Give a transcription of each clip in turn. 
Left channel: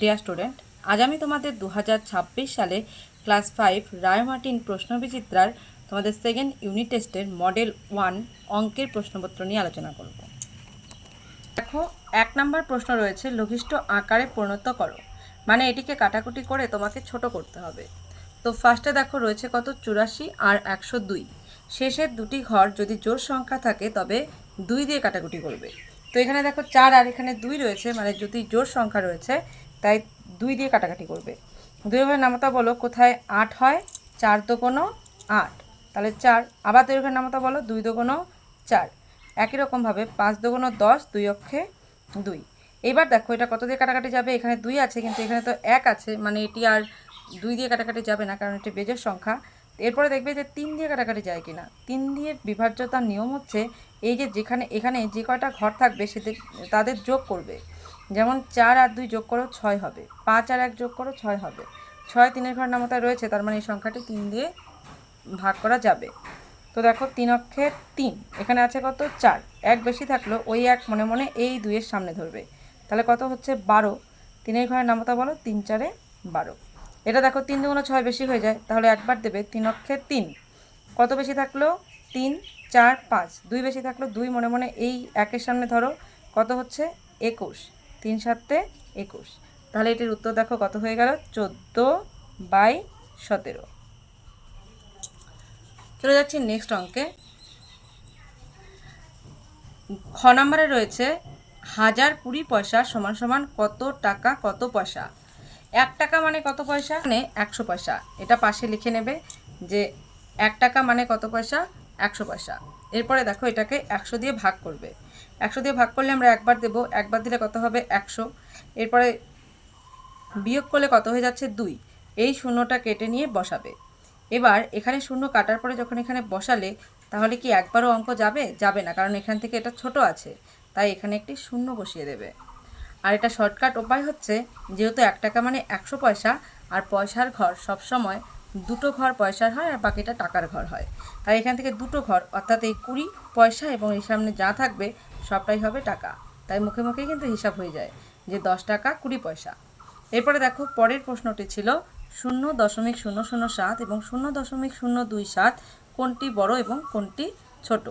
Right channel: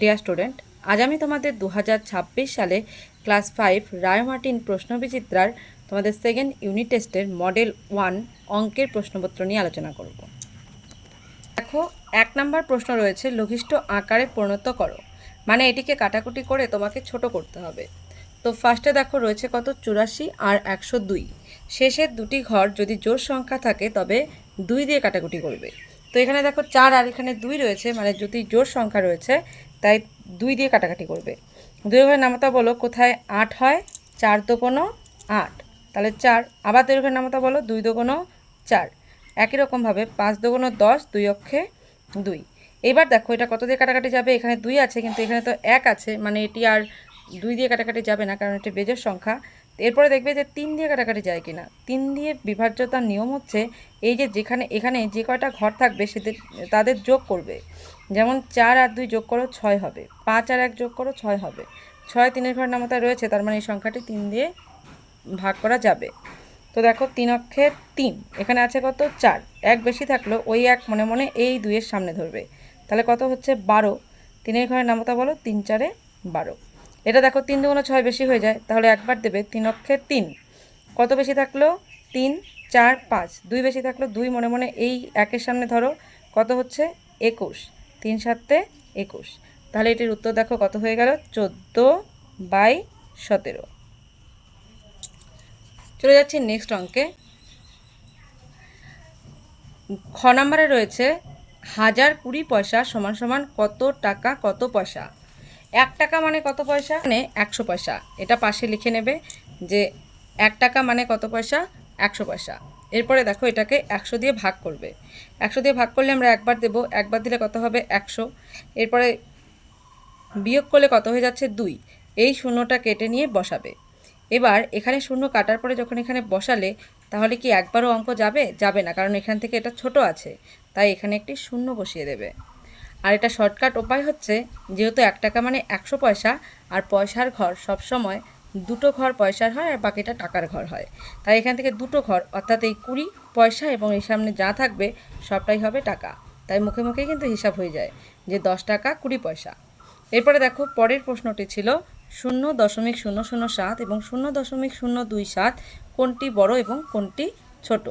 Dear student, আজ আমি তোমাদের 2026 সালে ক্লাস 5 রায়মার্টিন প্রশ্নবিচিত্রার তোমাদের সেকেন্ড ইউনিট টেস্টের মডেল 1 অঙ্কের প্রশ্নপত্র নিয়ে আলোচনা করব। দেখো, 1 নম্বর প্রশ্ন রয়েছে লঘিষ্ঠ আকারে পরিণত করো, মানে এটিকে কাটাকুটি করে তোমাকে ছোট করতে হবে। তো ফার্স্টে দেখো রয়েছে কত, 84 আর 102। শেষের দুটি ঘর যদি জোড় সংখ্যা থাকে তবে 2 দিয়ে কাটাকুটি করবে। তো এখানে দেখো 4 আর এখানে 2 রয়েছে, মানে যদি জোড় সংখ্যা রয়েছে তাই 2 দিয়ে কাটাকাটি করবে। 2 ঘরের নামতা বলো, কোথায় 8 হয়, 4 দোগুনো 8, তাহলে 4। আবার 2 ঘরের নামতা বলো, 2 দোগুনো 4। একই রকমভাবে 5 দোগুনো 10, 2 অক্ষে 2। এবার দেখো এটা কত দিয়ে কাটাকাটি যাবে, এখানে 2 আছে কিন্তু এখানে তো 1 আছে, মানে এটি আর 2 দিয়ে কাটাকাটি যাবে না, কারণ এটি বেজোড় সংখ্যা। এরপরে দেখবে যে 3 দিয়ে কাটাকাটি যায় কিনা। 3 দিয়ে বিভাজ্যতার নিয়ম হচ্ছে এই যে এখানে যে কয়টা ঘর থাকবে তাদের যোগ করবে। যেমন 4 আর 2 যোগ করো 6 হবে, 5 আর 1 যোগ করো 6 হবে। 6 3-এর ঘর নামতায় রয়েছে, তার মানে এই সংখ্যাটি 3 দিয়ে ভাগ করা যাবে। তো দেখো 3 অক্ষে 3, এখানে আছে কত 4, 1 বেশি থাকলো ওই 1 মনে মনে এই 2-এর সামনে ধরবে, তাহলে কত হচ্ছে 12। 3-এর ঘরের নামতা বলো, 3 4-এ 12। এটা দেখো 3 2 6 বেশি হয়ে যায়, তাহলে একবার দেবে 3 অক্ষে 3। কত বেশি থাকলো 3 4 5, 2 বেশি থাকলো 2 মনে মনে এই 1-এর সামনে ধরো, কত হচ্ছে 21। 3 7-এ 21, তাহলে এটির উত্তর দেখো কত হয়ে গেল, 14/17। চলে যাচ্ছি নেক্সট অঙ্কে। খ নম্বরে রয়েছে 1020 পয়সা সমান সমান কত টাকা কত পয়সা। 1 টাকা মানে কত পয়সা, মানে 100 পয়সা। এটা পাশে লিখে নেবে যে 1 টাকা মানে কত পয়সা, 100 পয়সা। এরপরে দেখো এটাকে 100 দিয়ে ভাগ করবে। 100 দিয়ে ভাগ করলে আমরা একবার দেবো, একবার দিলে কত হবে 100। এরপরে বিয়োগ করলে কত হয়ে যাচ্ছে 2, এই শূন্যটা কেটে নিয়ে বসাবে। এবার এখানে শূন্য কাটার পরে যখন এখানে বসালে তাহলে কি একবারও অঙ্ক যাবে, যাবে না, কারণ এখান থেকে এটা ছোট আছে, তাই এখানে একটি শূন্য বসিয়ে দেবে। আর এটা শর্টকাট উপায় হচ্ছে, যেহেতু 1 টাকা মানে 100 পয়সা আর পয়সার ঘর সবসময় দুটো ঘর পয়সার হয় আর বাকিটা টাকার ঘর হয়, তাই এখান থেকে দুটো ঘর অর্থাৎ এই 20 পয়সা এবং এই সামনে যা থাকবে সবটাই হবে টাকা, তাই মুখে মুখেই কিন্তু হিসাব হয়ে যায় যে 10 টাকা 20 পয়সা। এরপরে দেখো পরের প্রশ্নটি ছিল 0.007 এবং 0.027 কোনটি বড় এবং কোনটি ছোট।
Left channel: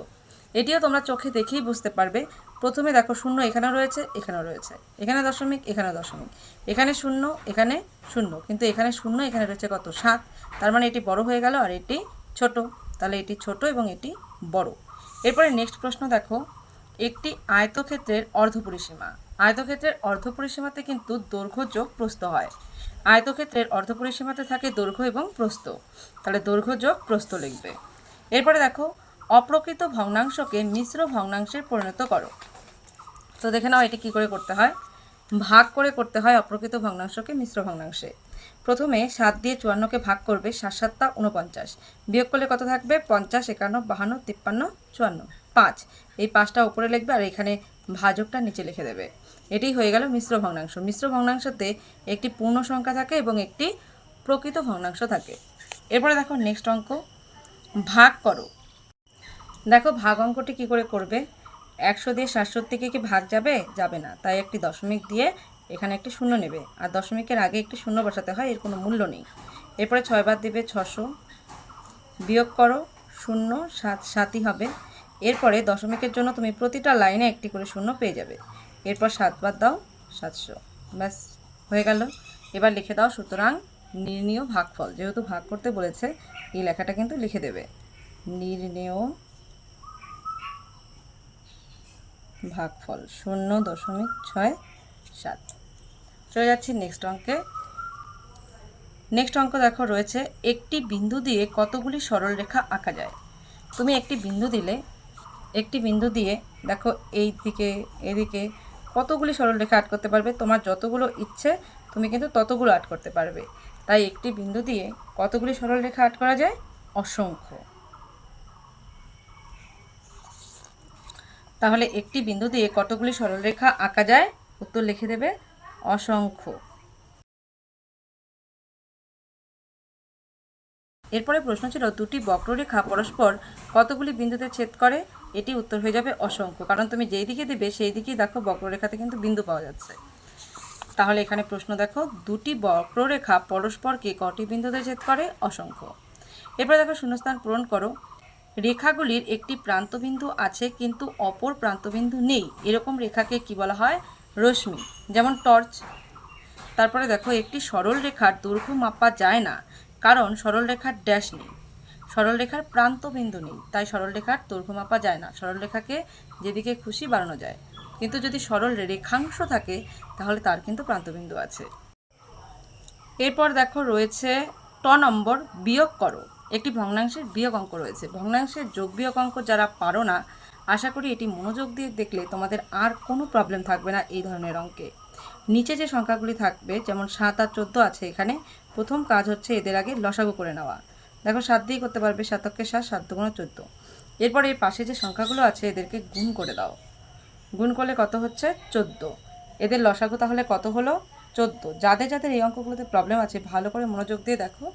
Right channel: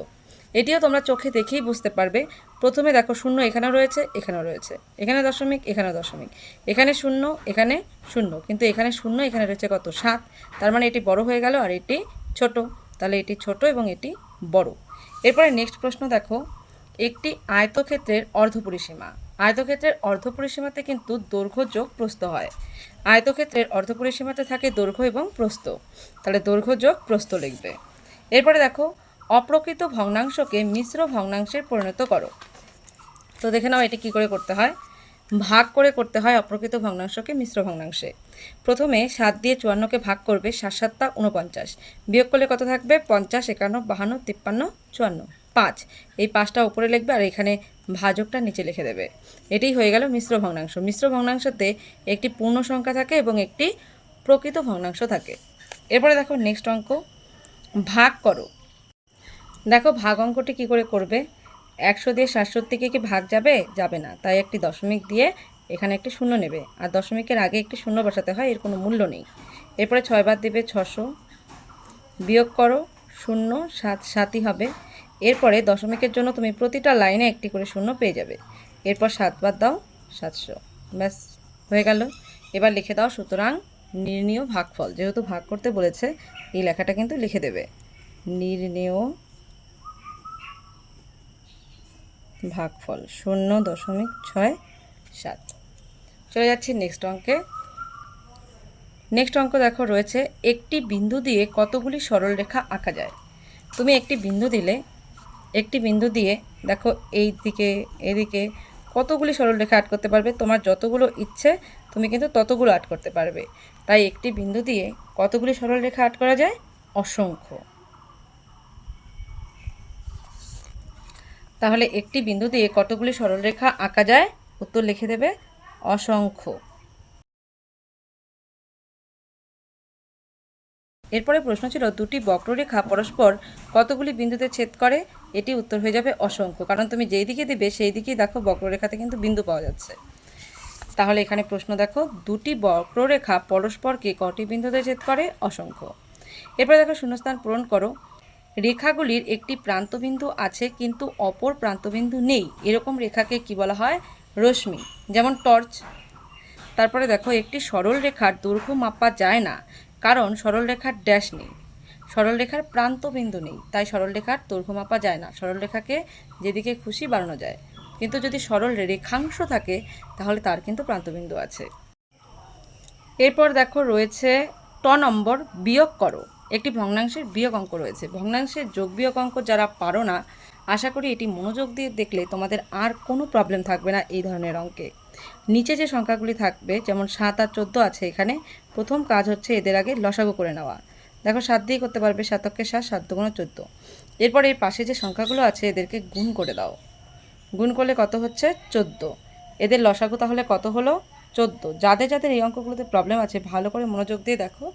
এটিও তোমরা চোখে দেখেই বুঝতে পারবে। প্রথমে দেখো শূন্য এখানেও রয়েছে, এখানেও রয়েছে, এখানে দশমিক, এখানে দশমিক, এখানে শূন্য, এখানে শূন্য, কিন্তু এখানে শূন্য, এখানে রয়েছে কত 7, তার মানে এটি বড় হয়ে গেল আর এটি ছোট, তাহলে এটি ছোট এবং এটি বড়। এরপরে নেক্সট প্রশ্ন দেখো, একটি আয়তক্ষেত্রের অর্ধপরিসীমা। আয়তক্ষেত্রের অর্ধপরিসীমাতে কিন্তু দৈর্ঘ্য যোগ প্রস্থ হয়। আয়তক্ষেত্রের অর্ধপরিসীমাতে থাকে দৈর্ঘ্য এবং প্রস্থ, তাহলে দৈর্ঘ্য যোগ প্রস্থ লিখবে। এরপরে দেখো অপ্রকৃত ভগ্নাংশকে মিশ্র ভগ্নাংশে পরিণত করো। তো দেখে নাও এটি কী করে করতে হয়। ভাগ করে করতে হয় অপ্রকৃত ভগ্নাংশকে মিশ্র ভগ্নাংশে। প্রথমে 7 দিয়ে 54কে ভাগ করবে, 7 7 49, বিয়োগ করলে কত থাকবে 50 51 52 53 54, 5। এই 5টা উপরে লিখবে আর এখানে ভাজকটা নিচে লিখে দেবে। এটাই হয়ে গেল মিশ্র ভগ্নাংশ। মিশ্র ভগ্নাংশতে একটি পূর্ণ সংখ্যা থাকে এবং একটি প্রকৃত ভগ্নাংশ থাকে। এরপরে দেখো নেক্সট অঙ্ক, ভাগ করো। দেখো ভাগ অঙ্কটি কী করে করবে, 100 দিয়ে 67কে কি ভাগ যাবে, যাবে না, তাই একটি দশমিক দিয়ে এখানে একটি শূন্য নেবে আর দশমিকের আগে একটি শূন্য বসাতে হয়, এর কোনো মূল্য নেই। এরপরে 6 বার দেবে 600, বিয়োগ করো 0 7 7ই হবে। এরপরে দশমিকের জন্য তুমি প্রতিটা লাইনে একটি করে শূন্য পেয়ে যাবে। এরপর 7 বার দাও 700, ব্যাস হয়ে গেল। এবার লিখে দাও সুতরাং নির্ণীয় ভাগফল, যেহেতু ভাগ করতে বলেছে এই লেখাটা কিন্তু লিখে দেবে, নির্ণীয় ভাগফল 0.67। চলে যাচ্ছি নেক্সট অঙ্কে। নেক্সট অঙ্ক দেখো রয়েছে একটি বিন্দু দিয়ে কতগুলি সরলরেখা আঁকা যায়। তুমি একটি বিন্দু দিয়ে দেখো এই দিকে এদিকে কতগুলি সরলরেখা আর্ট করতে পারবে, তোমার যতগুলো ইচ্ছে তুমি কিন্তু ততগুলো আর্ট করতে পারবে। তাই একটি বিন্দু দিয়ে কতগুলি সরলরেখা আর্ট করা যায়, অসংখ্য। তাহলে একটি বিন্দু দিয়ে কতগুলি সরলরেখা আঁকা যায়, উত্তর লিখে দেবে অসংখ্য। এরপরে প্রশ্ন ছিল দুটি বক্ররেখা পরস্পর কতগুলি বিন্দুতে ছেদ করে, এটি উত্তর হয়ে যাবে অসংখ্য, কারণ তুমি যেই দিকে দেবে সেই দিকেই দেখো বক্ররেখাতে কিন্তু বিন্দু পাওয়া যাচ্ছে। তাহলে এখানে প্রশ্ন দেখো, দুটি বক্ররেখা পরস্পরকে কটি বিন্দুতে ছেদ করে? অসংখ্য। এরপর দেখো শূন্যস্থান পূরণ করো। রেখাগুলির একটি প্রান্তবিন্দু আছে কিন্তু অপর প্রান্তবিন্দু নেই, এরকম রেখাকে কি বলা হয়? রশ্মি, যেমন টর্চ। তারপরে দেখো, একটি সরল রেখার দৈর্ঘ্য মাপা যায় না কারণ সরল রেখার ড্যাশ নেই, সরল রেখার প্রান্তবিন্দু নেই, তাই সরল রেখার দৈর্ঘ্য মাপা যায় না। সরল রেখাকে যেদিকে খুশি বাড়ানো যায়, কিন্তু যদি সরল রেখাংশ থাকে তাহলে তার কিন্তু প্রান্তবিন্দু আছে। এরপর দেখো রয়েছে নম্বর, বিয়োগ করো। একটি ভগ্নাংশের বিয়োগ অঙ্ক রয়েছে। ভগ্নাংশের যোগ বিয়োগ অঙ্ক যারা পারো না, আশা করি এটি মনোযোগ দিয়ে দেখলে তোমাদের আর কোনো প্রবলেম থাকবে না এই ধরনের অঙ্কে। নিচে যে সংখ্যাগুলি থাকবে, যেমন 7 আর 14 আছে, এখানে প্রথম কাজ হচ্ছে এদের আগে লসাগু করে নেওয়া। দেখো 7 দিয়ে করতে পারবে, 7 × 7, 7 × 14। এরপর এর পাশে যে সংখ্যাগুলো আছে এদেরকে গুণ করে দাও। গুণ করলে কত হচ্ছে? 14। এদের লসাগু তাহলে কত হলো? 14। যাদের যাদের এই অঙ্কগুলোতে প্রবলেম আছে ভালো করে মনোযোগ দিয়ে দেখো,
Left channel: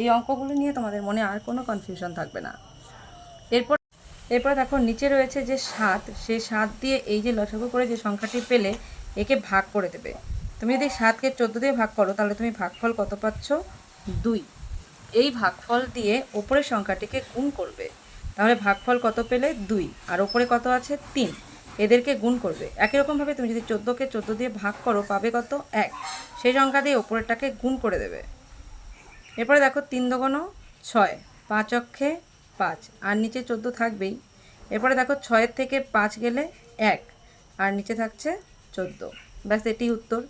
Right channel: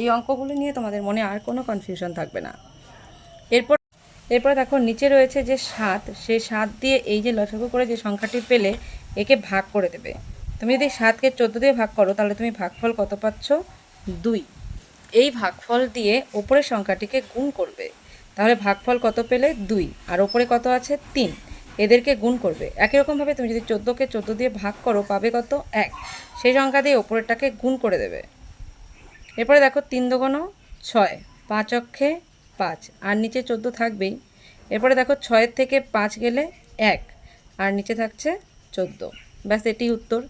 এই অঙ্কগুলো নিয়ে তোমাদের মনে আর কোনো কনফিউশন থাকবে না। এরপর দেখো নিচে রয়েছে যে 7, সেই 7 দিয়ে এই যে লসাগু করে যে সংখ্যাটি পেলে একে ভাগ করে দেবে। তুমি যদি 7কে 14 দিয়ে ভাগ করো তাহলে তুমি ভাগফল কত পাচ্ছ? 2। এই ভাগফল দিয়ে ওপরের সংখ্যাটিকে গুণ করবে, তাহলে ভাগফল কত পেলে? 2। আর ওপরে কত আছে? 3। এদেরকে গুণ করবে। একই রকমভাবে তুমি যদি 14কে 14 দিয়ে ভাগ করো পাবে কত? 1। সেই সংখ্যা দিয়ে ওপরেরটাকে গুণ করে দেবে। এরপরে দেখো 3 × 2 = 6, 5 অক্ষে 5, আর নিচে 14 থাকবেই। এরপরে দেখো 6 থেকে 5 গেলে 1, আর নিচে থাকছে 14। ব্যাস, এটি উত্তর।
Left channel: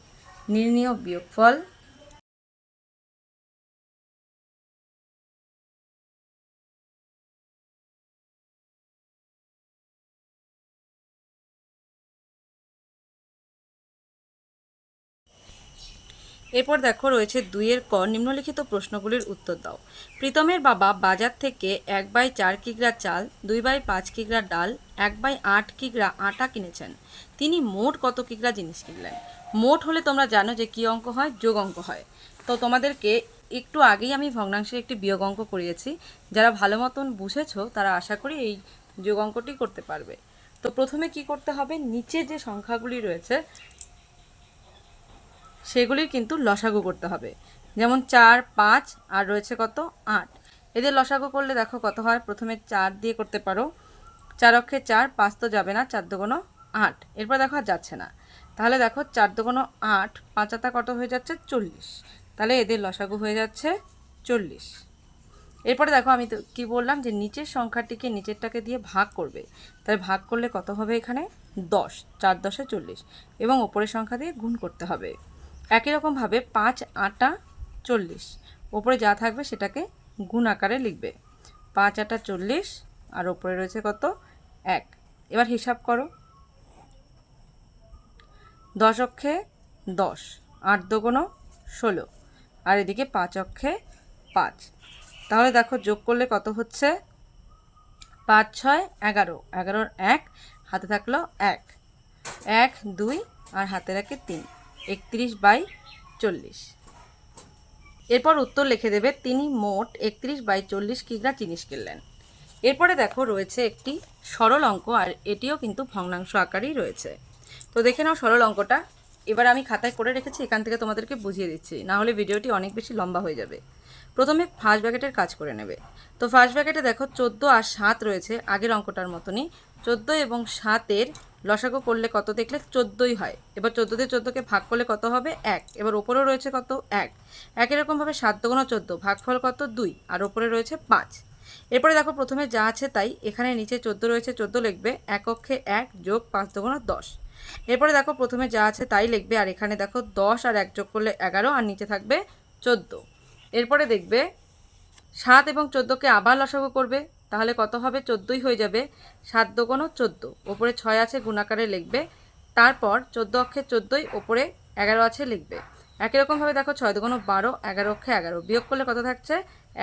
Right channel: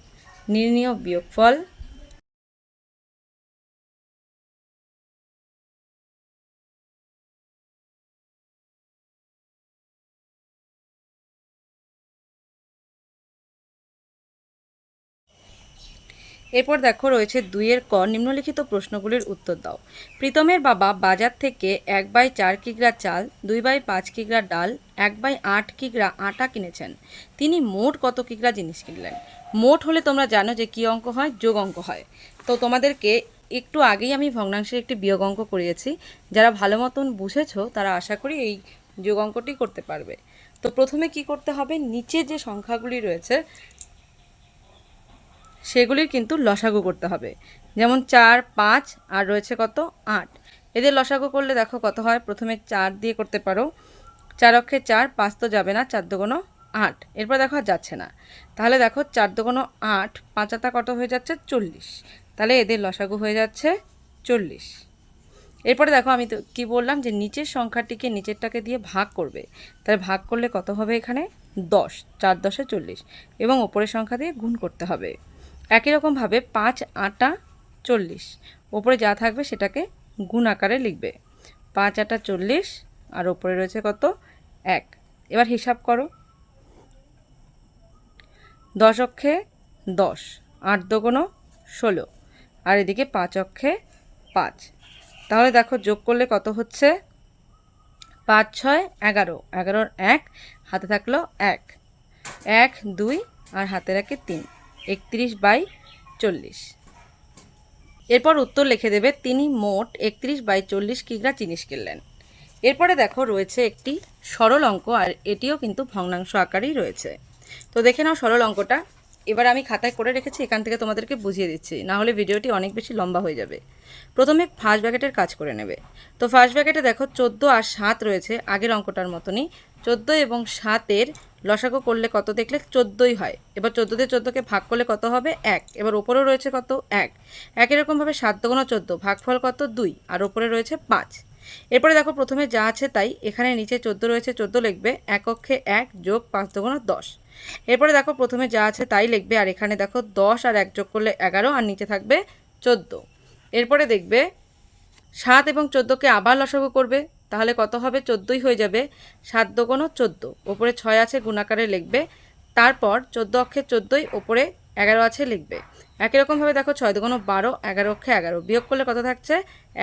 নির্ণীয় বিয়োগফল। এরপর দেখো রয়েছে 2-এর ক, নিম্নলিখিত প্রশ্নগুলির উত্তর দাও। প্রীতমের বাবা বাজার থেকে 1/4 কিগ্রা চাল, 2/5 কিগ্রা ডাল, 1/8 কিগ্রা আটা কিনেছেন। তিনি মোট কত কিগ্রা জিনিস কিনলেন? মোট হলে তোমরা জানো যে কী অঙ্ক হয়? যোগ অঙ্ক হয়। তো তোমাদেরকে একটু আগেই আমি ভগ্নাংশের একটি বিয়োগ অঙ্ক করিয়েছি। যারা ভালো মতন বুঝেছো তারা আশা করি এই যোগ অঙ্কটি করতে পারবে। তো প্রথমে কি করতে হবে? নিচে যে সংখ্যাগুলি রয়েছে সেগুলির কিন্তু লসাগু করতে হবে। যেমন 4, 5 আর রয়েছে কত? 8। এদের লসাগু করলে দেখো কত হয়? প্রথমে 4 দিয়ে করতে পারো, 4 অক্ষে 4, 5 তো যাবে না, 4 × 2 = 8। এরপর দেখো আর যাচ্ছে না, তাহলে দেখো 4 × 2 = 8, 5 × 8 কত হয়ে যাচ্ছে? 40। তাহলে এদের লসাগু হয়ে যাচ্ছে 40। এরপরে দেখো আমি তো কী বললাম যে নিচের সংখ্যাটিকে নিচেরটাকে দিয়ে ভাগ করবে, তাহলে ভাগ করলে কত হবে? এখানে 10, 4 × 10 = 40, এবং ওপরের সংখ্যা দিয়ে গুণ করতে হবে। একই রকমভাবে 5 8 40, ওপরে যা থাকবে সেটাকে গুণ আকারে লিখবে। 5 8 40, আর ওপরে রয়েছে কত? 1। এবার হিসাব করো। 10 অক্ষে 10, 8 × 2 = 16, আর এদিকে 5 অক্ষে 5। তাহলে দেখো যোগ করলে কত হচ্ছে? 5 6 11, 11 1, হাতে থাকলো 1, 1 2, আর হাতে রাখে 3, 31/40। এরপর উত্তর লিখে দেবে, তিনি মোট 31/40 কিগ্রা জিনিস কিনলেন। এরপরে দেখো রয়েছে একটি সরল অঙ্ক, আর এটিও কিন্তু ভগ্নাংশ আকারেই রয়েছে। তো দেখে নাও সরল অঙ্কটা। এবার আমি খাতায় করে রেখেছি, এখান থেকে তোমাদেরকে বুঝিয়ে দিচ্ছি, না হলে ভিডিওটি অনেক বেশি লম্বা হয়ে যাবে। প্রথমে ফার্স্ট ব্র্যাকেটের কাজ করে নেবে। তো ফার্স্ট ব্র্যাকেটে দেখো 14 আর 7 রয়েছে, আগের অঙ্কটার মতনই। 14 এবং 7-এর লসাগু করলে কত দেখলে? 14ই হয়। এবার 14 দিয়ে 14কে ভাগ করলে কত হবে? 1। এবার ওপরেও রয়েছে কত? 1। একই রকমভাবে 7 × 14, ভাগফল কত? 2, আর ওপরে রয়েছে 5। এরপরে দেখো প্রথমে যা আছে তাই, এখানে নিচে 14 রয়েছে, 14 লিখবে, 1 অক্ষে 1 যোগ 5 × 2 = 10। এরপরে দেখো প্রথমে যা আছে তাই লিখবে, আর এখানে দেখো 10 আর 1 যোগ করলে 11, আর নিচে থাকবে 14। এরপরে দেখবে 7 এবং 14কে আবার লসাগু করবে, তাহলে কত হবে? 14ই হয়ে যাবে। 7 × 2 = 14, ওপরে 6 আছে গুণ আকারে লিখবে। তারপর 14 অক্ষে 14, ওপরে 11 আছে লিখবে। একই রকমভাবে দেখো 6 × 2 = 12, 11 অক্ষে 11, বিয়োগ করলে কত থাকছে?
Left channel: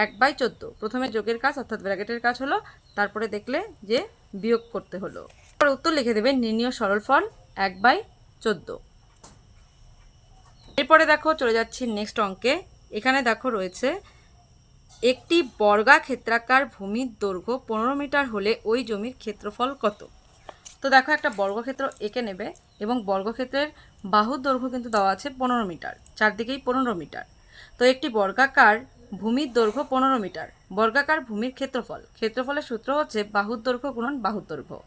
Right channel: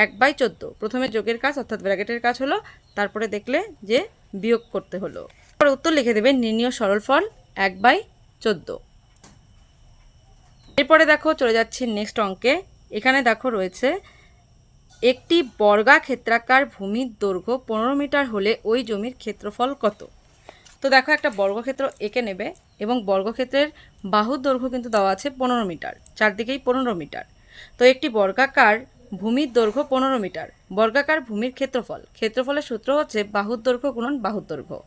1/14। প্রথমে যোগের কাজ অর্থাৎ ব্র্যাকেটের কাজ হলো, তারপরে দেখলে যে বিয়োগ করতে হলো। এরপর উত্তর লিখে দেবে, নির্ণীয় সরলফল 1/14। এরপরে দেখো চলে যাচ্ছি নেক্সট অঙ্কে। এখানে দেখো রয়েছে, একটি বর্গাক্ষেত্রাকার ভূমির দৈর্ঘ্য 15 মিটার হলে ওই জমির ক্ষেত্রফল কত? তো দেখো একটা বর্গক্ষেত্র এঁকে নেবে এবং বর্গক্ষেত্রের বাহুর দৈর্ঘ্য কিন্তু দেওয়া আছে 15 মিটার, চারদিকেই 15 মিটার। তো একটি বর্গাকার ভূমির দৈর্ঘ্য 15 মিটার। বর্গাকার ভূমির ক্ষেত্রফলের সূত্র হচ্ছে বাহুর দৈর্ঘ্য গুণন বাহুর দৈর্ঘ্য,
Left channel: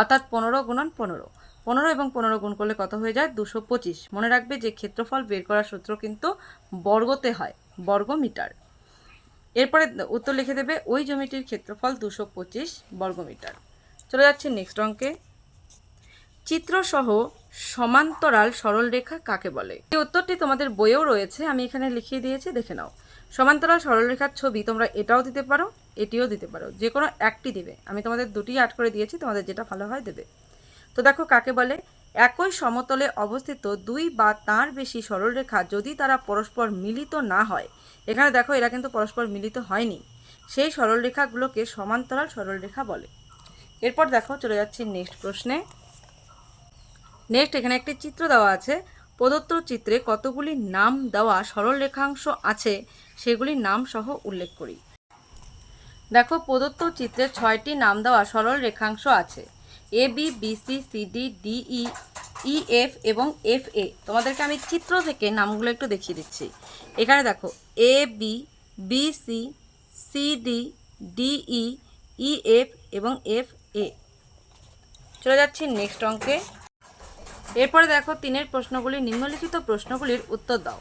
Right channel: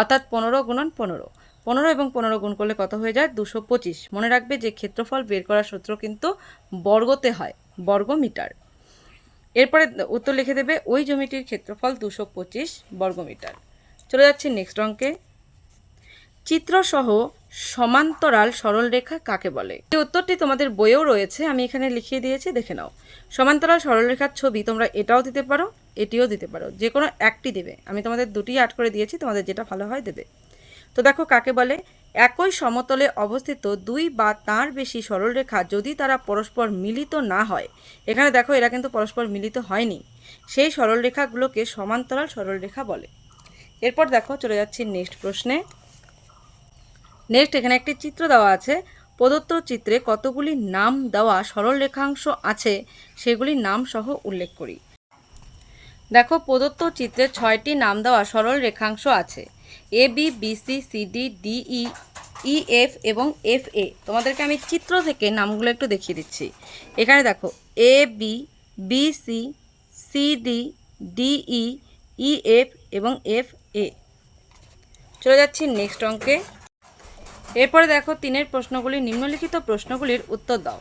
অর্থাৎ 15 গুণন 15। 15 এবং 15 গুণ করলে কত হয়ে যায়? 225। মনে রাখবে যে ক্ষেত্রফল বের করার সূত্র কিন্তু বর্গতে হয়, বর্গ মিটার। এরপরে উত্তর লিখে দেবে ওই জমিটির ক্ষেত্রফল 225 বর্গমিটার। চলে যাচ্ছি নেক্সট অঙ্কে। চিত্রসহ সমান্তরাল সরলরেখা কাকে বলে? এই উত্তরটি তোমাদের বইয়েও রয়েছে, আমি এখানে লিখিয়ে দিয়েছি, দেখে নাও। সমান্তরাল সরলরেখার ছবি তোমরা এটাও দিতে পারো, এটিও দিতে পারো, যে কোনো একটি দেবে। আমি তোমাদের দুটি আট করে দিয়েছি, তোমাদের যেটা ভালো হয় দেবে। তো দেখো কাকে বলে। একই সমতলে অবস্থিত দুই বা তার বেশি সরলরেখা যদি তারা পরস্পর মিলিত না হয়, এখানে দেখো এরা কিন্তু পরস্পর মিলিত হয়নি, সেই সরলরেখাগুলোকে সমান্তরাল সরলরেখা বলে। এরপর দেখো চলে যাচ্ছি নেক্সট প্রশ্নে। নেক্সট এখানে একটি চিত্র দেওয়া আছে। প্রদত্ত চিত্রে কতগুলি নাম দেওয়া সরল রেখাংশ আছে সেগুলির নাম সহ উল্লেখ করি। দেখো প্রদত্ত চিত্রে 6টি নাম দেওয়া সরল রেখাংশ আছে। A B, B C, C D, D E, E F এবং এফ এ। তোমাদেরকে আমি চিত্র থেকে নামগুলো একটু দেখিয়ে দিচ্ছি। এখানে দেখো A B, B C, C D, D E, E F এবং এফ এ। চলে যাচ্ছি নেক্সট অঙ্কে। এরপরে দেখো 3-এর প্রশ্নগুলি, নিম্নলিখিত প্রশ্নগুলির উত্তর দাও।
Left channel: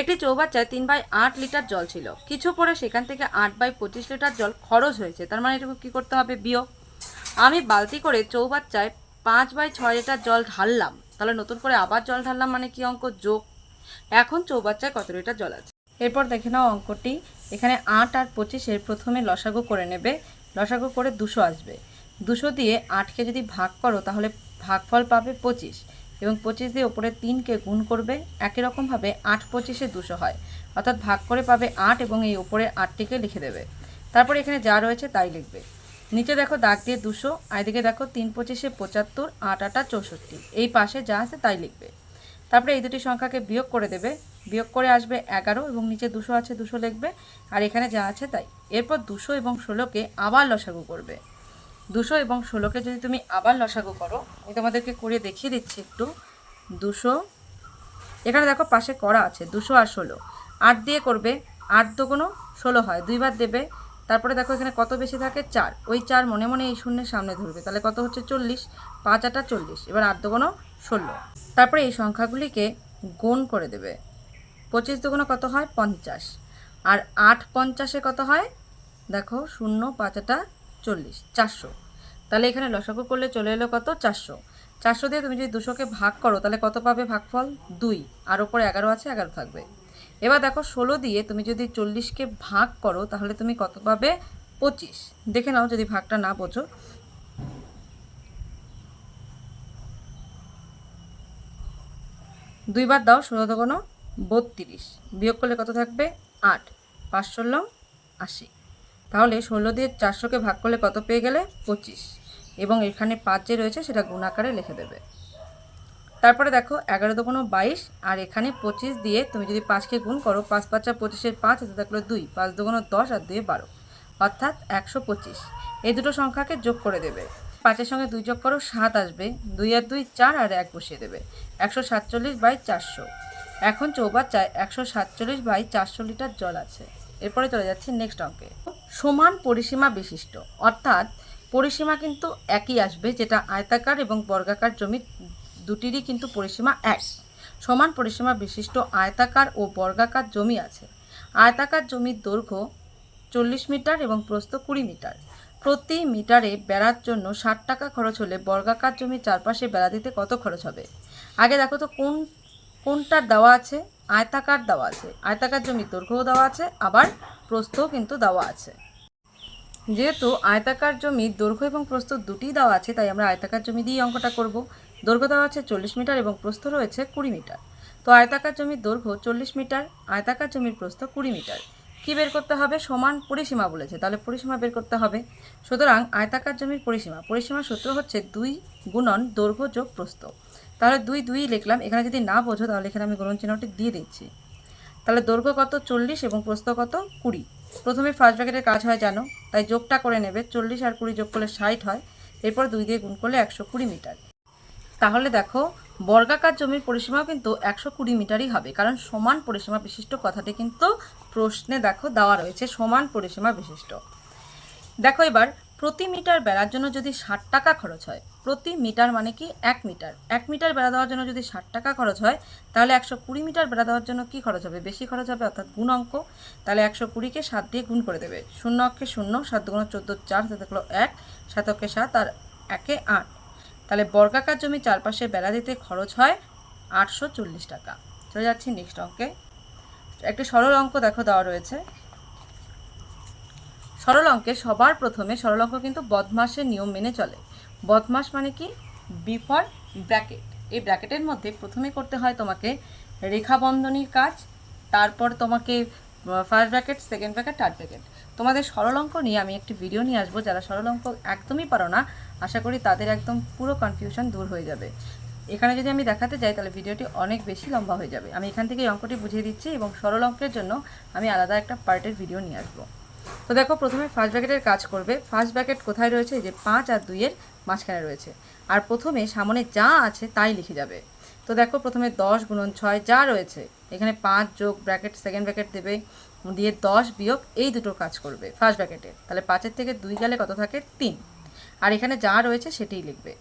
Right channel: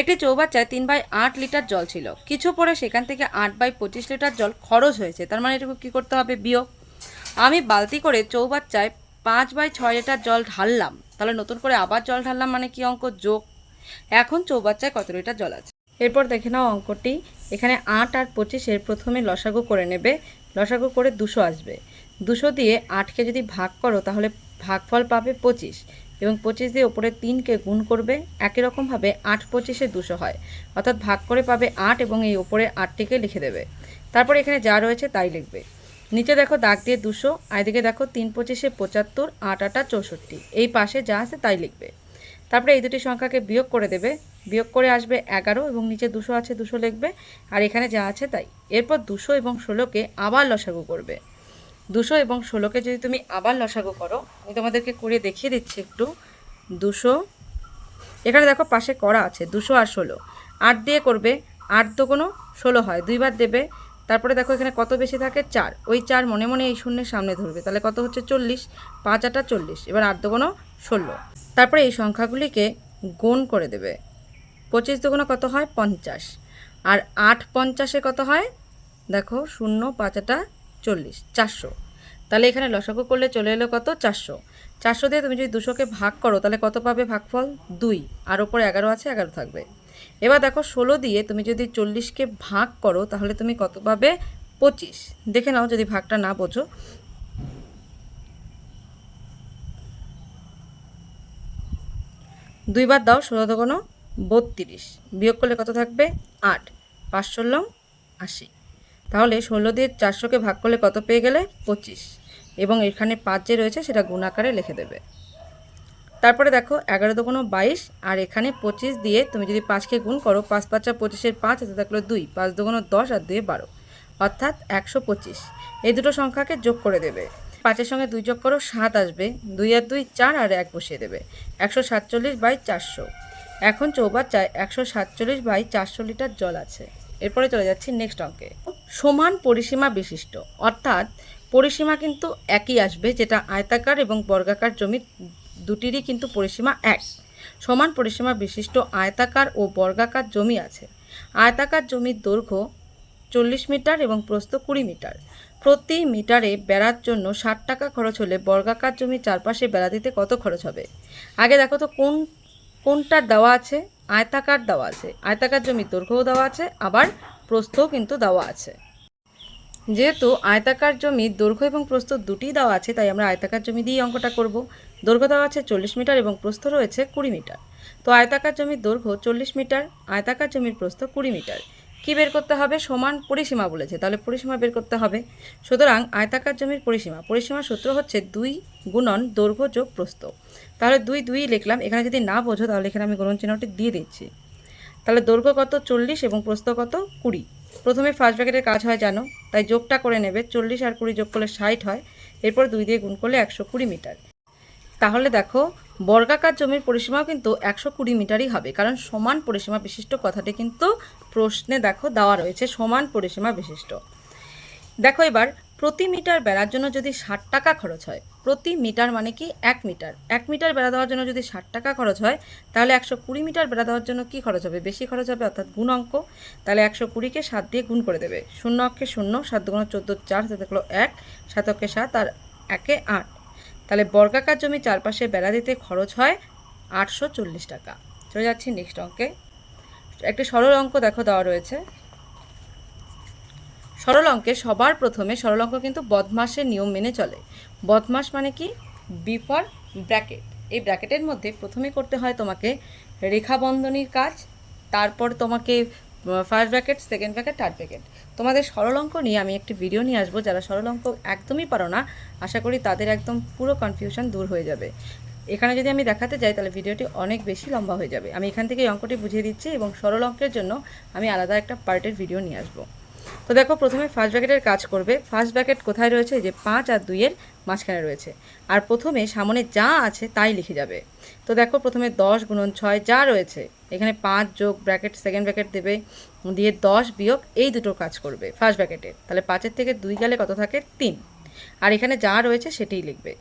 একটি চৌবাচ্চায় 3/8 লিটার জল ছিল, কিছু পরে সেখান থেকে 8/25 লিটার জল খরচ হয়েছে, তার মানে এটুকু কী করতে হবে? বিয়োগ। আমি বালতি করে চৌবাচ্চায় 5/6 লিটার জল ঢাললাম, তাহলে নতুন করে আবার জল ঢাললাম, মানে কি অঙ্ক? যোগ। এখন চৌবাচ্চায় কত লিটার জল আছে? এরপর দেখে নাও অঙ্কটি। এখানে 8 আর 25-এর প্রথমে লসাগু করে নেবে, লসাগু করে 200 আসবে। 200 দিয়ে 8কে যদি ভাগ করো তাহলে ভাগফল পাবে 25, এবং 25 দিয়ে ওপরে 3কে গুণ করবে। একই রকমভাবে 8/25-এ 200 হয়, অর্থাৎ ভাগ করে পাবে 8 এবং এই ওপরে 8টিকে লিখে দেবে। তারপরে এখানে যা রয়েছে তাই লিখবে। নিচে দেখো দাগ দিয়ে 200, আর এদিকে দেখো 3/25-এ 75, 8 8 64, এই পাশে যা আছে তাই লিখবে। তারপরে এই দুটি সংখ্যাকে বিয়োগ করে দেবে, বিয়োগ করে আসবে 11 এবং নিচে 200 আছে 200 লিখবে, আর এখানে যা আছে তাই। এরপর 200 এবং 16কে আবার লসাগু করবে। 200 এবং 16কে যদি তুমি আবার লসাগু করো, আমি তোমাদেরকে করে দেখিয়ে দিচ্ছি একটু। 200, এখানে দেখো পাশে করা আছে 200 আর 16, 8 দিয়ে করবে, 8 দুগুণ 16 হয়, দুইবার দেবে। তারপরে দেখো এখানে কত বেশি থাকে? 4, ওই 4 মনে মনে এই শূন্যের সামনে ধরবে, তাহলে কত হচ্ছে? 40, 5 8 40, এবার 8 দুগুণ 16। তারপরে এই সংখ্যাগুলিকে গুণ করে দেবে। 25 দুগুণে কত হয়? 50, আর 8 50-এ কত হয়? দেখো 0 5 8 40, 400। তাহলে এখানে লসাগু করলে চলে এলো কত? 400। 400 দিয়ে তুমি যদি 200কে ভাগ করো তাহলে কত পাবে? ভাগফল 2, আর ওপরে 11 আছে, 11 থাকবে। এবার দেখো 16 দিয়ে তুমি যদি 40কে ভাগ করো তাহলে তুমি কত পাবে? 25। দেখে নাও যদি ভাগটা না বোঝো। দুইবার দাও, 16 দুগুণ 32, বিয়োগ করলে কত থাকবে? 8, 5 ষোলো 80। তাহলে 16 দিয়ে 400কে ভাগ করলে কত পেয়ে গেলে? 25, এবং এখানে 5 যে রয়েছে সেটা গুণ আকারে লিখে দেবে। তারপরে দেখো 11 দুগুণ 22, আর এখানে 25 দিয়ে তুমি যদি 5কে গুণ করো, 5 5 25-এর 5 হাতে থাকলো 2, 5 দুগুণ 10 আর 2 12, অর্থাৎ 125। এই দুটো সংখ্যাকে যোগ করে দেবে। 5-এর সঙ্গে 2 যোগ করো, 7 আসবে, 2 আর 2 4, আর 1 বসিয়ে দেবে। 147/400। এখন চৌবাচ্চায় 147/400 লিটার জল আছে। এরপরে চলে যাচ্ছি নেক্সট অঙ্কে। সমান পরিসীমা বিশিষ্ট, অর্থাৎ পরিসীমা কিন্তু একই আসবে, যেটা আয়তাকার এবং বর্গাকার জমি দুটিরই কিন্তু পরিসীমা এক। সমান পরিসীমা বিশিষ্ট আয়তাকার ও বর্গাকার জমি আছে। আয়তাকার জমির দৈর্ঘ্য 40 মিটার এবং প্রস্থ 20 মিটার। প্রতি মিটারে বেড়ার জন্য 60 টাকা খরচ হলে বর্গাকার জমির চারপাশে বেড়া দিতে কত খরচ হবে? আগে দেখো তো কোনটার দেওয়া আছে? আয়তাকার দেওয়া আছে। আয়তাকার জমির দৈর্ঘ্যও দেওয়া আছে, আবার প্রস্থও কিন্তু দেওয়া আছে। যেহেতু আয়তাকার জমির দৈর্ঘ্য এবং প্রস্থ দুটি দেওয়া আছে, তাই আমরা আয়তাকার জমি দিয়েই অঙ্কটা করব। দৈর্ঘ্য দেওয়া আছে 40 মিটার এবং প্রস্থ রয়েছে 20 মিটার। তো আয়তাকার জমির দৈর্ঘ্য 40 মিটার, আয়তাকার জমির প্রস্থ 20 মিটার। কি বের করতে হবে? সমান পরিসীমা বলেছে, তাহলে পরিসীমা বের করতে হবে। সুতরাং আয়তাকার জমির পরিসীমার সূত্র হচ্ছে 2 গুণন দৈর্ঘ্য যোগ প্রস্থ। তাহলে 2 2 লিখলাম। এখানে যদি না বোঝো তাহলে এখানে আমি গুণন চিহ্নটি দিয়ে দিচ্ছি। তাহলে দৈর্ঘ্য কত? 40 এবং প্রস্থ কত? 20। প্রথমে ফার্স্ট ব্র্যাকেটের কাজ হয় জানো, তাই যোগটা করে নেবে। 40 আর 20 যোগ করলে 60 হয়, এরপর 2 দিয়ে গুণ করলে 120 মিটার। তাহলে দেখো বর্গাকার জমির পরিসীমাও কিন্তু 120 মিটারই হবে, কারণ সমান পরিসীমা বিশিষ্ট কথাটি কিন্তু প্রশ্নে দেখো দেওয়া রয়েছে, সমান পরিসীমা বিশিষ্ট। দেখো এবার প্রতি মিটার বেড়ার জন্য যদি 60 টাকা খরচ হয়, প্রতি মিটার মানে কি 1 মিটার, 1 মিটার বেড়া দেওয়ার জন্য যদি 60 টাকা খরচ হয়, তাহলে 120 মিটার বেড়া দেওয়ার জন্য কি খরচ হবে? বেশি খরচ হবে, অর্থাৎ গুণ অঙ্ক। তাহলে 120কে 7 দিয়ে গুণ করে দেবে। 0 অক্ষে 0, 7 দুগুণ 14, 4 হাতে থাকলো 1, 7 অক্ষে 7 আর 1-এ 8। তাহলে বর্গাকার জমি চারপাশে বেড়া দিতে খরচ হয় 840 টাকা। চলে যাচ্ছি নেক্সট অঙ্কে। একটি সরল অঙ্ক দেখো দেওয়া রয়েছে। সরল অঙ্কে সবার প্রথমে, সরল অঙ্ক কিন্তু বদমাসের নিয়ম মেনে চলে। বদমাস মানে কি? B for bracket. এই ব্র্যাকেটের মধ্যে প্রথমে করতে হয় তোমাকে রেখা বন্ধনীর কাজ, তারপর তোমাকে first bracket, second bracket, third bracket. তোমাদের সরল অঙ্ক নিয়ে আমি একটি ভিডিও নিয়ে আসবো। যারা সরল অঙ্ক একদমই পারো না, আশা করি তাদের একদম পুরো কনফিউশন দূর হয়ে যাবে। এখানে যদি আমি দেখাতে যাই তাহলে ভিডিওটি অনেক বেশি লম্বা হয়ে যাবে। আমি এখান থেকে এই অঙ্কটি বুঝিয়ে দিচ্ছি এবং সরল অঙ্কের জন্য আমি আলাদা একটা পার্টের ভিডিও নিয়ে আসবো। তো দেখো প্রথমে ফার্স্ট ব্র্যাকেটের কাজ করবে। ফার্স্ট ব্র্যাকেট কোথায় রয়েছে? এই যে 5 আর 2-এর মাঝখানে রয়েছে। আর প্রথমে সামনে যা আছে তাই লিখে যাবে। তো দেখো প্রথমে 10 গুণন 6 যা রয়েছে, এখানে 5 যোগ ব্র্যাকেট, সেকেন্ড ব্র্যাকেট দেবে, দিয়ে 10 বিয়োগ, এই দুটো কাজ করবে ফার্স্ট ব্র্যাকেটের। তাহলে 5-এর থেকে 2 গেলে কত থাকে? 3। আর এখানে যা রয়েছে সেটাই লিখবে।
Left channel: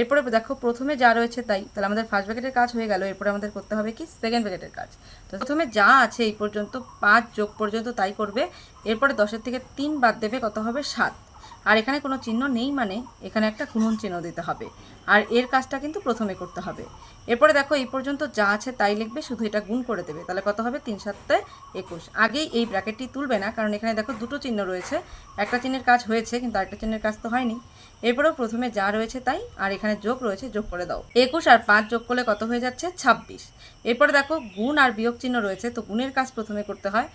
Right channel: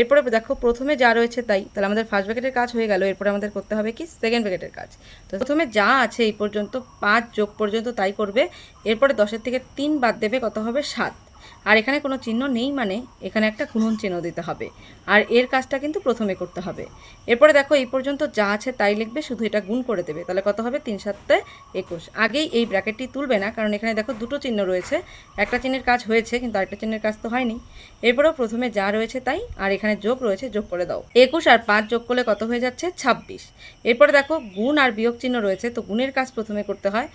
এরপরে দেখো প্রথমে যা রয়েছে তাই, তাহলে আমাদের ফার্স্ট ব্র্যাকেটের কাজ হয়ে গেল। এরপরে আমাদের করতে হবে কি? সেকেন্ড ব্র্যাকেটের কাজ। তো প্রথমে যা আছে এই পর্যন্ত 5 যোগ পর্যন্ত তাই করবে। এরপরে 10-এর থেকে 3 বাদ দেবে, কত হবে? 7। আর এখানে কোনো চিহ্ন নেই মানে এখানে একটা গুণন চিহ্ন দিতে হবে। আর এর কাজটা কিন্তু প্রথমে করতে হবে। এরপরে দেখো এই পর্যন্ত যা আছে তাই লিখবে, শুধু এটা গুণ করে দেবে। তাহলে কত হবে? 3 7 21। আগেই এই ব্র্যাকেটটি তুলবে না, কারণ এখানে দেখো দুটো চিহ্ন রয়েছে। একটা চিহ্নের কাজ হয়েছে কিন্তু আরেকটা চিহ্নের কাজ তো হয়নি। এরপরেও প্রথমে যা রয়েছে তাই, আর এখানে যোগ রয়েছে, যোগ করে দাও। 21 আর 5 যোগ করলে কত হয়ে যাচ্ছে? 26। এরপরে দেখো গুণ আর বিয়োগ চিহ্ন রয়েছে, তো গুণের কাজ প্রথমে করতে হয়।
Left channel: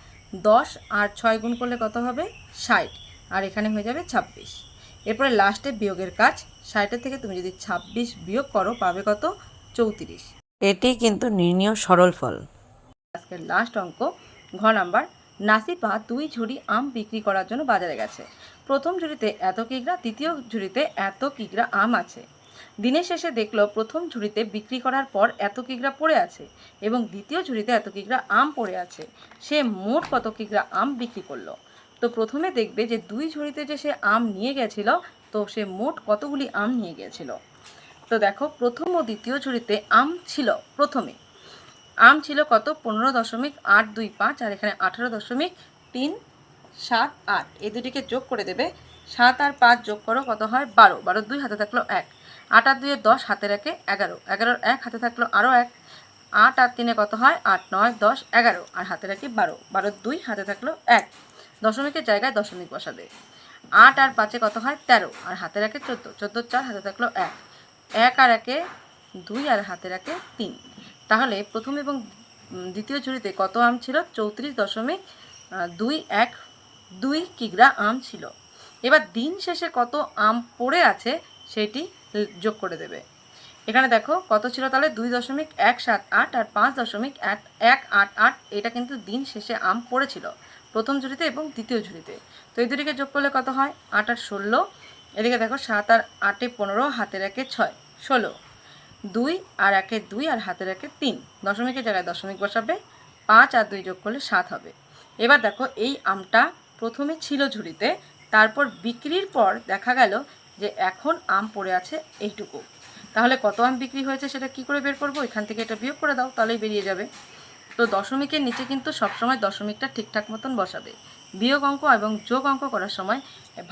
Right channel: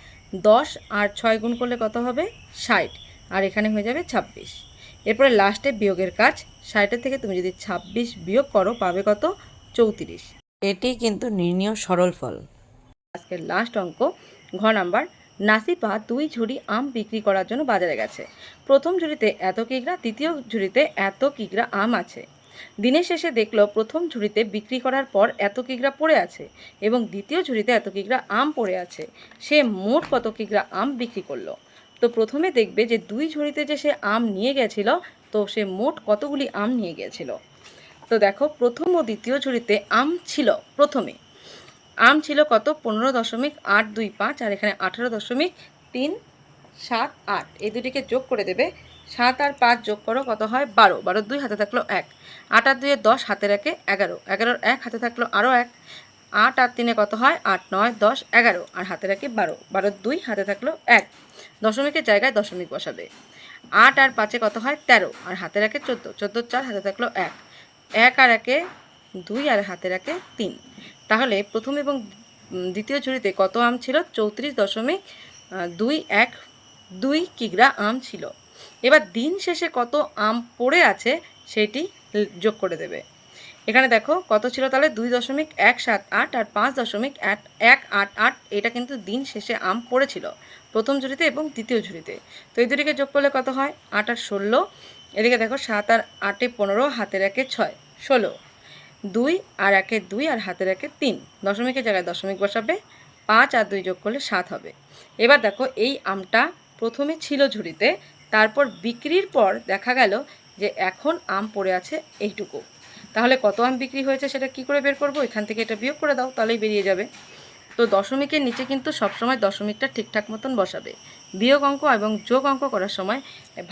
10 আর 6 গুণ করলে কত হবে? 60। আর এখানে হয়ে যাবে 26। এরপরে লাস্টে বিয়োগের কাজ। 60-এর থেকে তুমি যদি 26 বিয়োগ করো পাবে কত? 34। এটি কিন্তু নির্ণীয় সরল ফল। আজকের লাস্ট অঙ্ক, ঘ নাম্বার। নাসিপা 2 ঝুড়ি আম বিক্রি করার জন্য বাজারে গেছে। প্রথম ঝুড়িতে এত কিগ্রা, দ্বিতীয় ঝুড়িতে এত কিগ্রা আম আছে। দিনের শেষে দেখলো প্রথম ঝুড়িতে বিক্রি করার পর এত কিগ্রা পড়ে আছে এবং দ্বিতীয় ঝুড়িতে এত কিগ্রা আম পড়ে আছে। সে মোট কত কিগ্রা আম বিক্রি করলো? তো প্রথমে দেখবে যে 2 ঝুড়িতে যে সে আম নিয়ে গেছিল, তো সে মোট কতগুলি আম নিয়ে গিয়েছিল। তো দেখো প্রথম ও দ্বিতীয় ঝুড়িতে আম ছিল, প্রথমে আম ছিল কত? 15.825, আর এখানে 18.378। এই দুটিকে যোগ করে দেবে। 7 আর 5 যোগ করো, কত হয়? 12। 12 2 হাতে থাকলো 1, 8 আর 2 10, হাতে রাখে 11, 11 1 হাতে থাকলো আরও 1, 8 আর 3 কত হয়? 8 9 10 11, আর হাতে রাখি 12, 12 2 হাতে থাকলো 1, দশমিকের জায়গায় দশমিক বসাবে। 8 আর 5 কত হয়? 13, আর হাতে রাখে 14, 14 4 হাতে থাকলো 1, 1 আর 1 2, আর হাতে রাখে 3। তাহলে প্রথম এবং দ্বিতীয় ঝুড়িতে কত আম ছিল? 34.212 কিগ্রা আম ছিল। এবার দিন শেষে কত আম পড়ে আছে সেটি যোগ করে দেবে। এখানে দেখো কত ছিল তাহলে? 2.178 আর 5.188, এটা কিন্তু দিন শেষে আম পড়েছিল প্রথম ঝুড়িতে এবং দ্বিতীয় ঝুড়িতে। তো এই দুটিকে যোগ করলে কত হয়? 8 আর 16। এদিকে দেখো 7 আর 8 15, হাতে রাখে 6 16, 2 আর 1 2, আর হাতে রাখে 3, দশমিকের জায়গায় দশমিক বসাবে। 5 আর 2 যোগ করলে 7 হবে। এবার দেখো এই আমটা প্রথমে ছিল ঝুড়িতে, তারপর বিক্রির পর দেখা গেল যে এখন আম পড়ে আছে এইটুকু। তাহলে কত আম বিক্রি হয়েছে সেটা কি করে বের করবো? এখান থেকে এটা বিয়োগ করে দাও, তাহলেই বেরিয়ে যাবে। তো দশমিকের নিচে কিন্তু সবসময় দশমিকটা ঠিকঠাক মতন বসাবে। বিয়োগ অঙ্ক এবং যোগ অঙ্ক করার সময়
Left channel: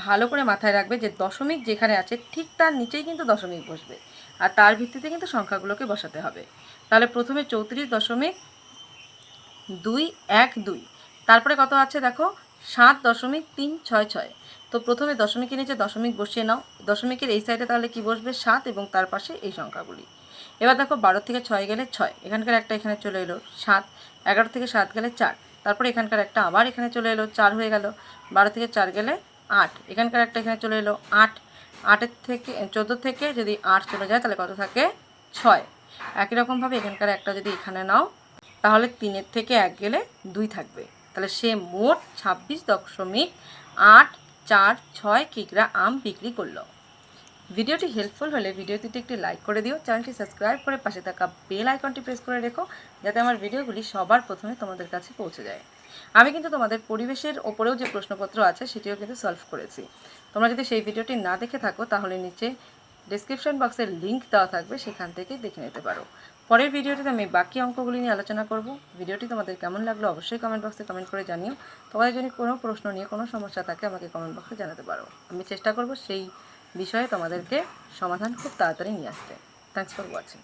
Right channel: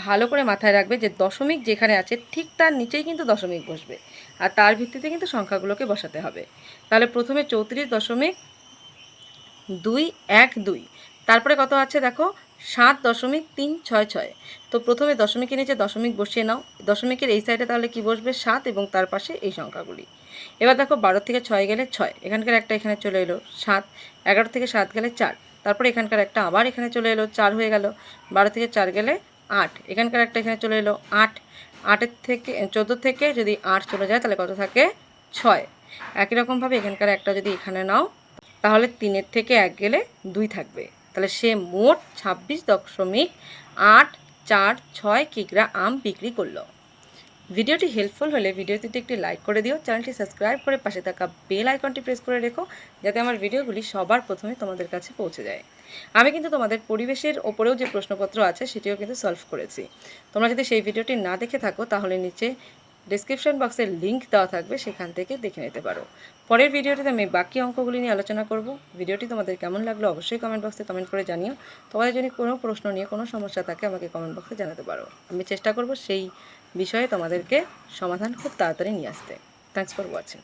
ভালো করে মাথায় রাখবে যে দশমিক যেখানে আছে ঠিক তার নিচেই কিন্তু দশমিক বসবে, আর তার ভিত্তিতে কিন্তু সংখ্যাগুলোকে বসাতে হবে। তাহলে প্রথমে 34.212, তারপরে কত আছে দেখো? 7.366। তো প্রথমে দশমিকের নিচে দশমিক বসিয়ে নাও। দশমিকের এই সাইডে তাহলে কি বসবে? 7, এবং তার পাশে এই সংখ্যাগুলি। এবার দেখো 12 থেকে 6 গেলে 6, এখানকার একটা এখানে চলে এলো 7, 11 থেকে 7 গেলে 4, তারপরে এখানকার একটা আবার এখানে চলে এলো 4 হয়ে গেল। 12 থেকে 4 গেলে 8, এখানকার একটা এখানে চলে এলো 8, 8-এর থেকে 14 থেকে যদি 8 চলে যায় তাহলে কত থাকে? 6। একই রকমভাবে এখানকার একটা যদি এখানে নাও তাহলে 3-এর থেকে 1 গেলে 2 থাকবে। তাহলে সে মোট 26.846 কিগ্রা আম বিক্রি করলো। ভিডিওটি হেল্পফুল হলে ভিডিওটিতে একটি লাইক করে দিও, চ্যানেলটি সাবস্ক্রাইব করে পাশে থাকা বেল আইকনটি প্রেস করে রেখো, যাতে আমার ভিডিওগুলি সবার প্রথমে তোমাদের কাছে পৌঁছে যায়। আমি কিন্তু তোমাদের পরিবেশের ওপরেও যে প্রশ্নপত্র আছে সেটিও কিন্তু সলভ করেছি। তোমরা যদি সেই ভিডিওটি না দেখে থাকো তাহলে নিচে ডেসক্রিপশন বক্সের লিঙ্ক দেওয়া থাকবে, সেখান থেকে দেখে নিতে পারো। পরের ভিডিওটিতে আমি বাকি অঙ্কগুলি নিয়ে আলোচনা করব। ভিডিওটি তোমাদের কেমন লাগলো অবশ্যই কমেন্ট বক্সে কমেন্ট করে জানিও। তোমাদের যদি কোনো প্রশ্ন নিয়ে কোনো সমস্যা থাকে আমাকে কমেন্ট বক্সে জানাতে পারো। আমি চেষ্টা করব সেই বিষয়ে তোমাদেরকে সমাধান খুব তাড়াতাড়ি নিয়ে আসতে। Thanks for watching.